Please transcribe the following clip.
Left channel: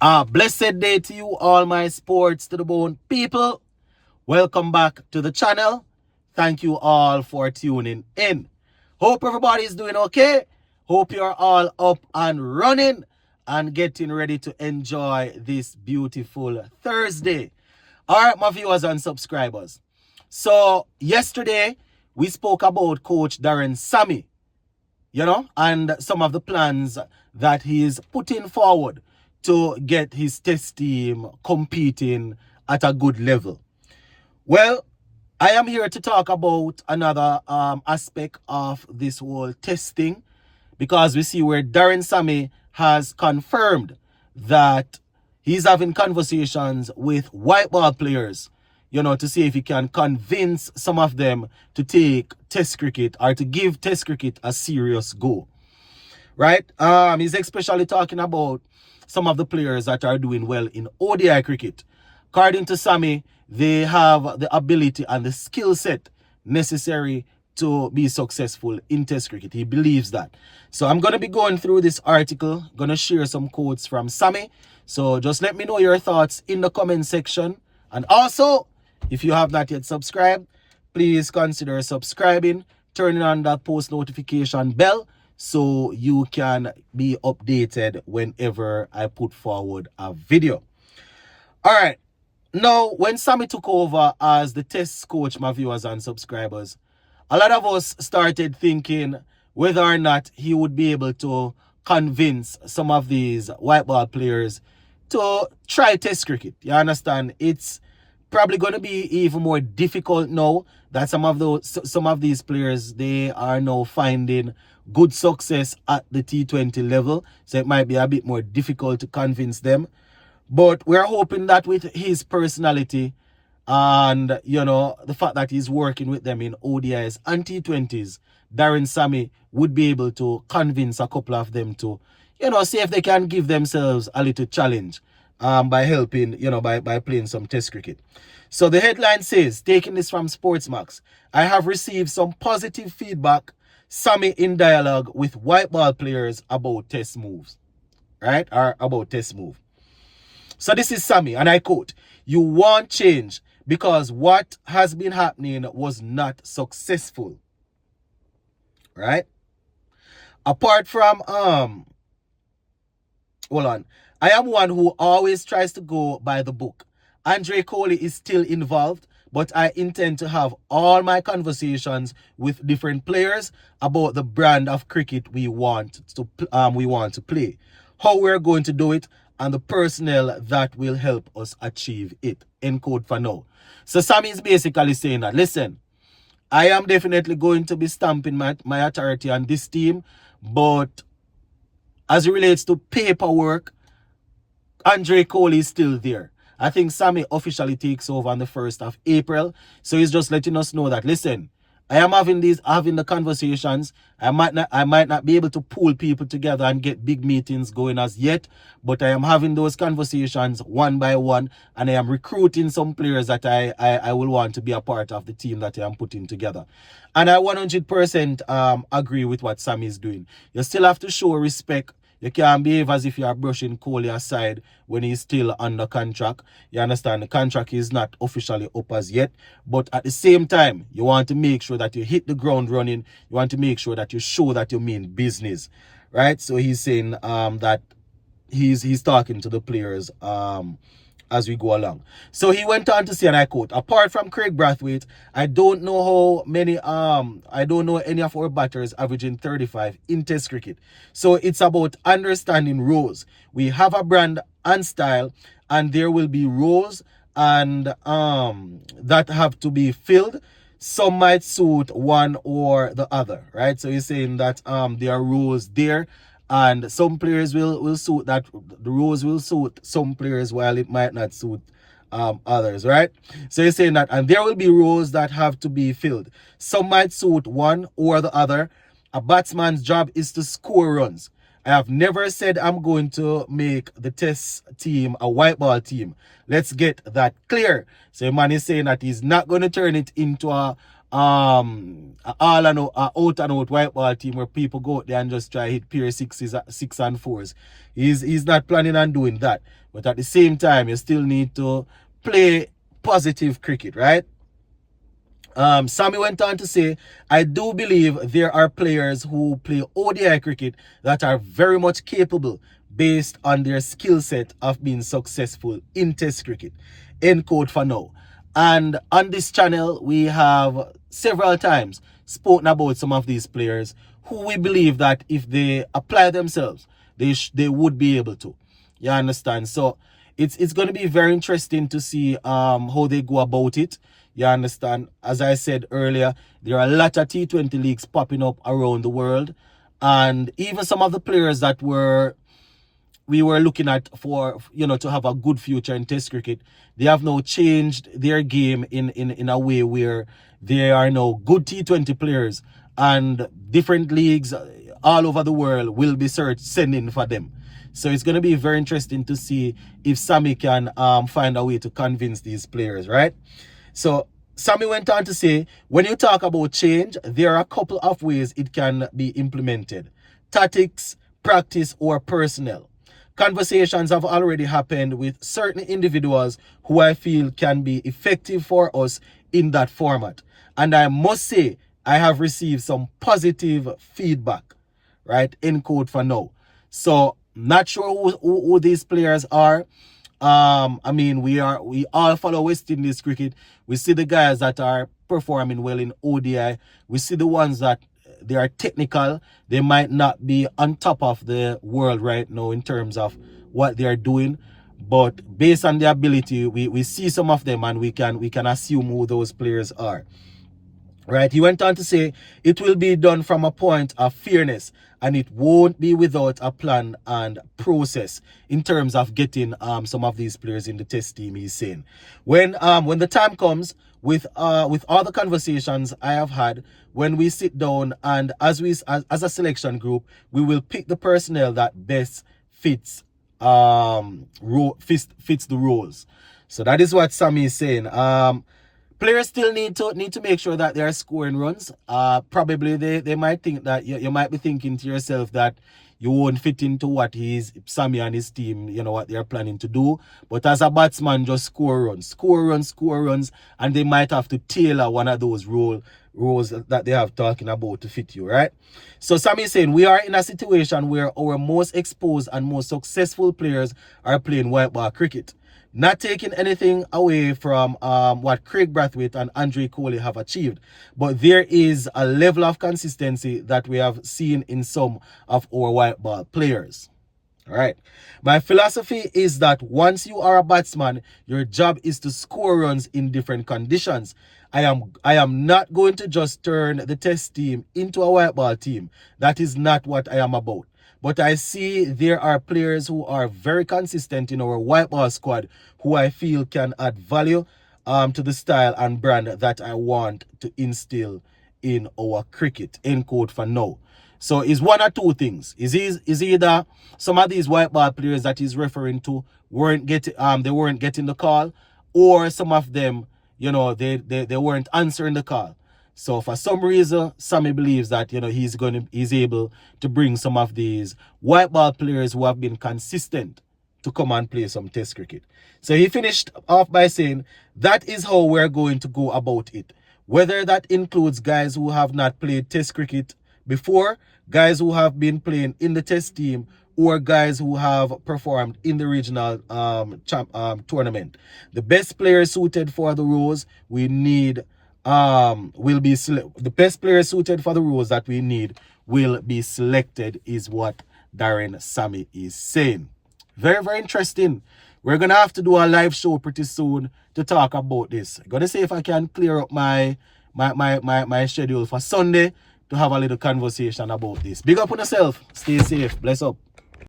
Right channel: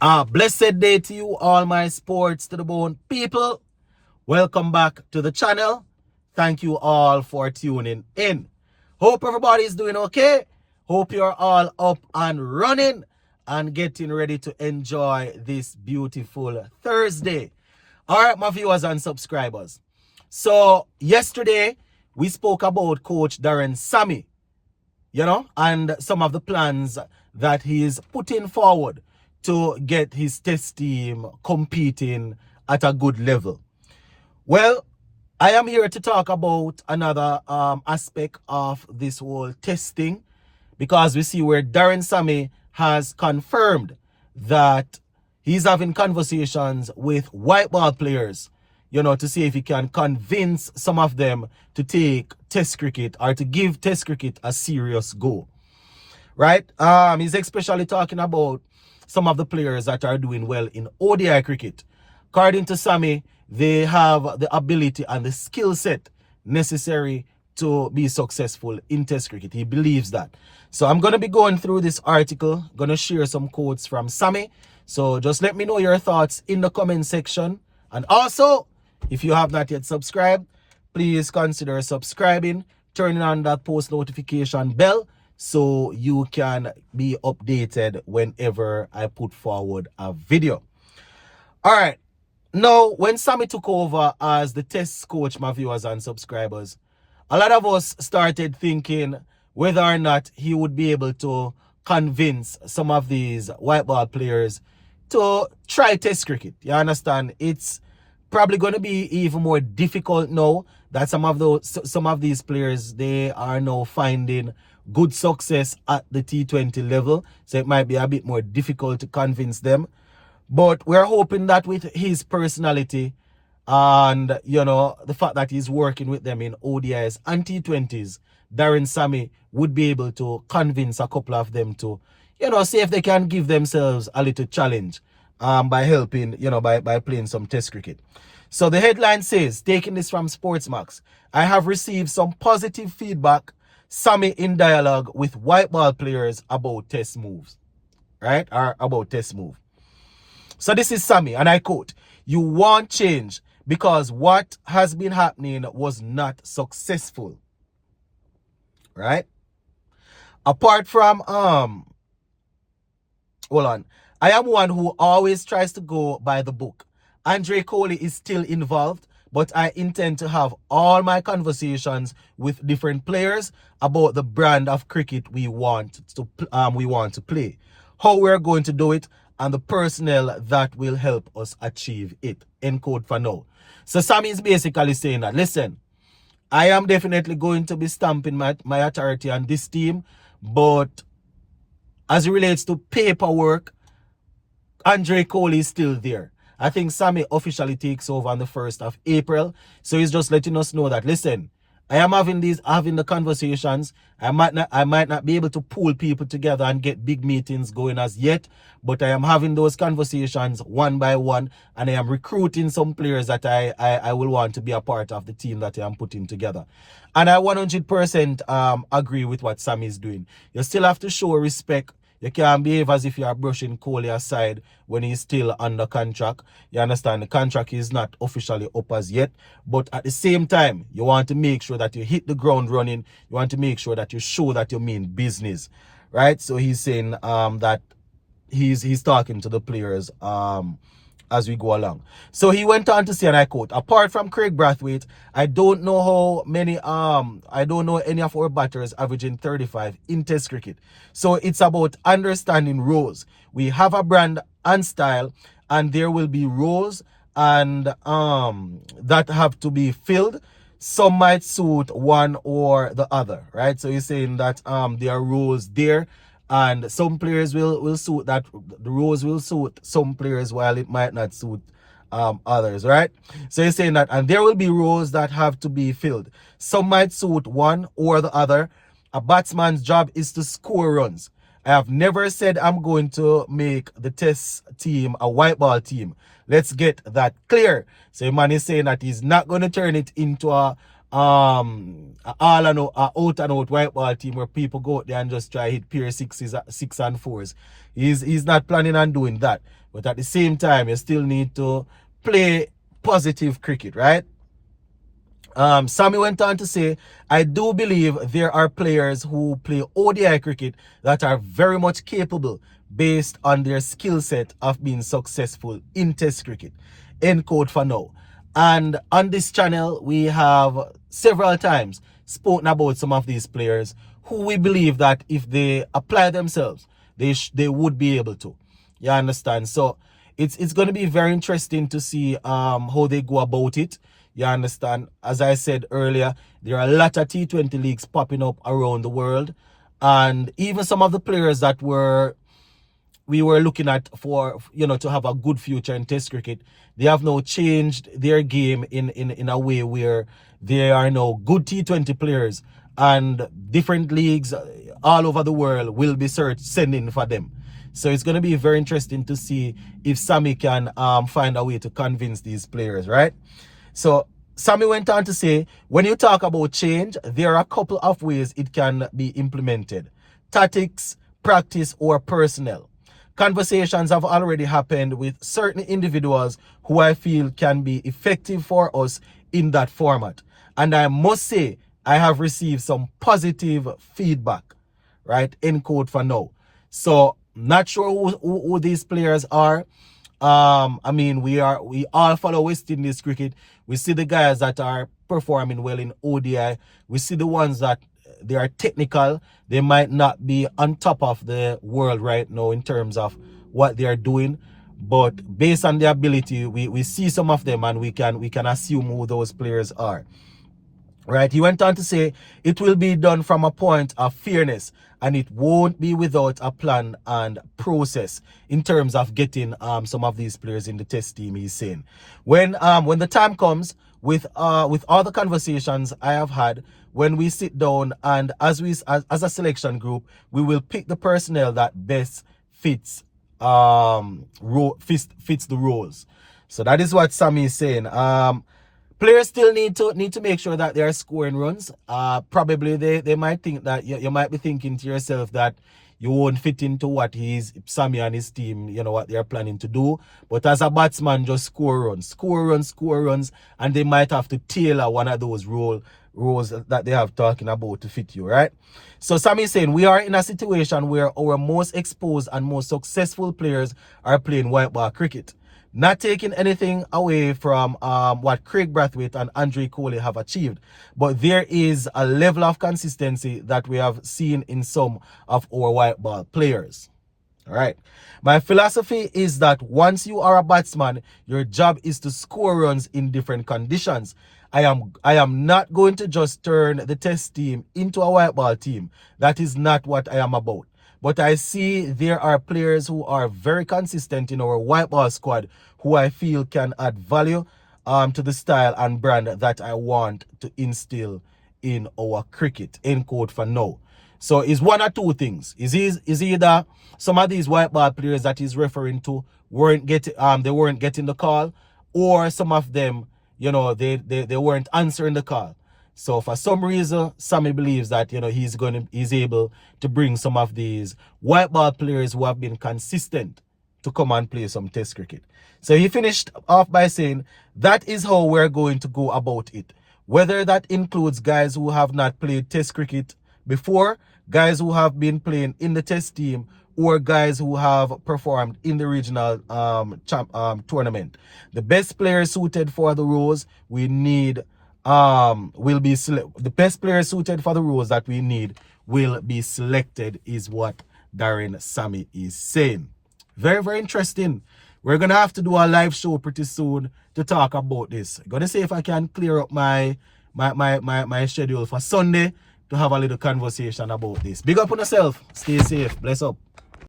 Blessed day to you, all my sports to the bone people. Welcome back to the channel. Thank you all for tuning in. Hope everybody is doing okay. Hope you're all up and running and getting ready to enjoy this beautiful Thursday. All right, my viewers and subscribers. So yesterday we spoke about Coach Darren Sammy, and some of the plans that he is putting forward to get his test team competing at a good level. Well, I am here to talk about another aspect of this whole testing, because we see where Darren Sammy has confirmed that he's having conversations with white ball players, to see if he can convince some of them to take test cricket or to give test cricket a serious go. Right? He's especially talking about some of the players that are doing well in ODI cricket. According to Sammy, they have the ability and the skill set necessary to be successful in test cricket. He believes that. So I'm going to be going through this article, going to share some quotes from Sammy. So just let me know your thoughts in the comment section. And also, if you have not yet subscribed, please consider subscribing, turning on that post notification bell so you can be updated whenever I put forward a video. All right. Now, when Sammy took over as the test coach, my viewers and subscribers, a lot of us started thinking whether or not he would be able to convince some of these white ball players to try test cricket. You understand? It's probably going to be even more difficult now that some of these players, they are now finding good success at the T20 level. So it might be a bit more difficult to convince them. But we're hoping that with his personality and, the fact that he's working with them in ODIs and T20s, Darren Sammy would be able to convince a couple of them to, see if they can give themselves a little challenge by helping, by playing some test cricket. So the headline says, taking this from Sportsmax, I have received some positive feedback, Sammy in dialogue with white ball players about test moves, right? Or about test move. So this is Sammy, and I quote, "You want change because what has been happening was not successful." Right? Apart from, hold on. I am one who always tries to go by the book. Andre Coley is still involved, but I intend to have all my conversations with different players about the brand of cricket we want to play, how we're going to do it, and the personnel that will help us achieve it. End quote for now. So Sammy is basically saying that, listen, I am definitely going to be stamping my authority on this team, but as it relates to paperwork, Andre Coley is still there. I think Sammy officially takes over on the 1st of April. So he's just letting us know that, listen, I am having the conversations. I might not be able to pull people together and get big meetings going as yet, but I am having those conversations one by one, and I am recruiting some players that I will want to be a part of the team that I am putting together. And I 100% agree with what Sammy is doing. You still have to show respect. You can't behave as if you are brushing Coley aside when he's still under contract. You understand? The contract is not officially up as yet. But at the same time, you want to make sure that you hit the ground running. You want to make sure that you show that you mean business. Right? So he's saying that he's talking to the players as we go along. So he went on to say, and I quote, apart from Craig Brathwaite, I don't know any of our batters averaging 35 in test cricket. So it's about understanding roles. We have a brand and style, and there will be roles and that have to be filled. Some might suit one or the other, right? So he's saying that there are roles there, and some players will suit that. The roles will suit some players while it might not suit others, right? So he's saying that, and there will be roles that have to be filled. Some might suit one or the other. A batsman's job is to score runs. I have never said I'm going to make the test team a white ball team. Let's get that clear. So man is saying that he's not going to turn it into a all and out and out white ball team where people go out there and just try hit pure six and fours. He's not planning on doing that. But at the same time, you still need to play positive cricket, right? Sammy went on to say, I do believe there are players who play ODI cricket that are very much capable based on their skill set of being successful in Test cricket. End quote for now. And on this channel, we have several times spoken about some of these players who we believe that if they apply themselves, they would be able to. You understand? So it's going to be very interesting to see how they go about it. You understand? As I said earlier, there are a lot of T20 leagues popping up around the world. And even some of the players that we were looking at for, to have a good future in Test cricket, they have now changed their game in a way where they are now good T20 players, and different leagues all over the world will be sending for them. So it's going to be very interesting to see if Sammy can find a way to convince these players, right? So Sammy went on to say, when you talk about change, there are a couple of ways it can be implemented: tactics, practice, or personnel. Conversations have already happened with certain individuals who I feel can be effective for us in that format. And I must say, I have received some positive feedback, right? End quote for now. So, not sure who these players are. I mean, we all follow West Indies cricket. We see the guys that are performing well in ODI. We see the ones that they are technical. They might not be on top of the world right now in terms of what they are doing, but based on their ability, we see some of them and we can assume who those players are. Right? He went on to say, it will be done from a point of fairness, and it won't be without a plan and process in terms of getting some of these players in the Test team, he's saying. When the time comes, with all the conversations I have had, when we sit down and as a selection group, we will pick the personnel that best fits the roles. So that is what Sammy is saying. Players still need to make sure that they're scoring runs. Probably they might think that you might be thinking to yourself that you won't fit into what Sammy and his team, what they're planning to do. But as a batsman, just score runs, and they might have to tailor one of those roles that they have talking about to fit you, right? So Sammy is saying, we are in a situation where our most exposed and most successful players are playing white ball cricket. Not taking anything away from what Craig Brathwaite and Andre Coley have achieved, but there is a level of consistency that we have seen in some of our white ball players. All right. My philosophy is that once you are a batsman, your job is to score runs in different conditions. I am not going to just turn the Test team into a white ball team. That is not what I am about. But I see there are players who are very consistent in our white ball squad who I feel can add value to the style and brand that I want to instill in our cricket. End quote for now. So it's one or two things. Is either some of these white ball players that he's referring to weren't getting the call, or some of them, they weren't answering the call. So for some reason, Sammy believes that he's able to bring some of these white ball players who have been consistent to come and play some Test cricket. So he finished off by saying, that is how we're going to go about it. Whether that includes guys who have not played Test cricket before, guys who have been playing in the Test team, or guys who have performed in the regional tournament. The best players suited for the roles we need the best players suited for the roles that we need will be selected, is what Darren Sammy is saying. Very, very interesting. We're gonna have to do a live show pretty soon to talk about this. I'm gonna see if I can clear up my schedule for Sunday to have a little conversation about this. Big up on yourself. Stay safe. Bless up.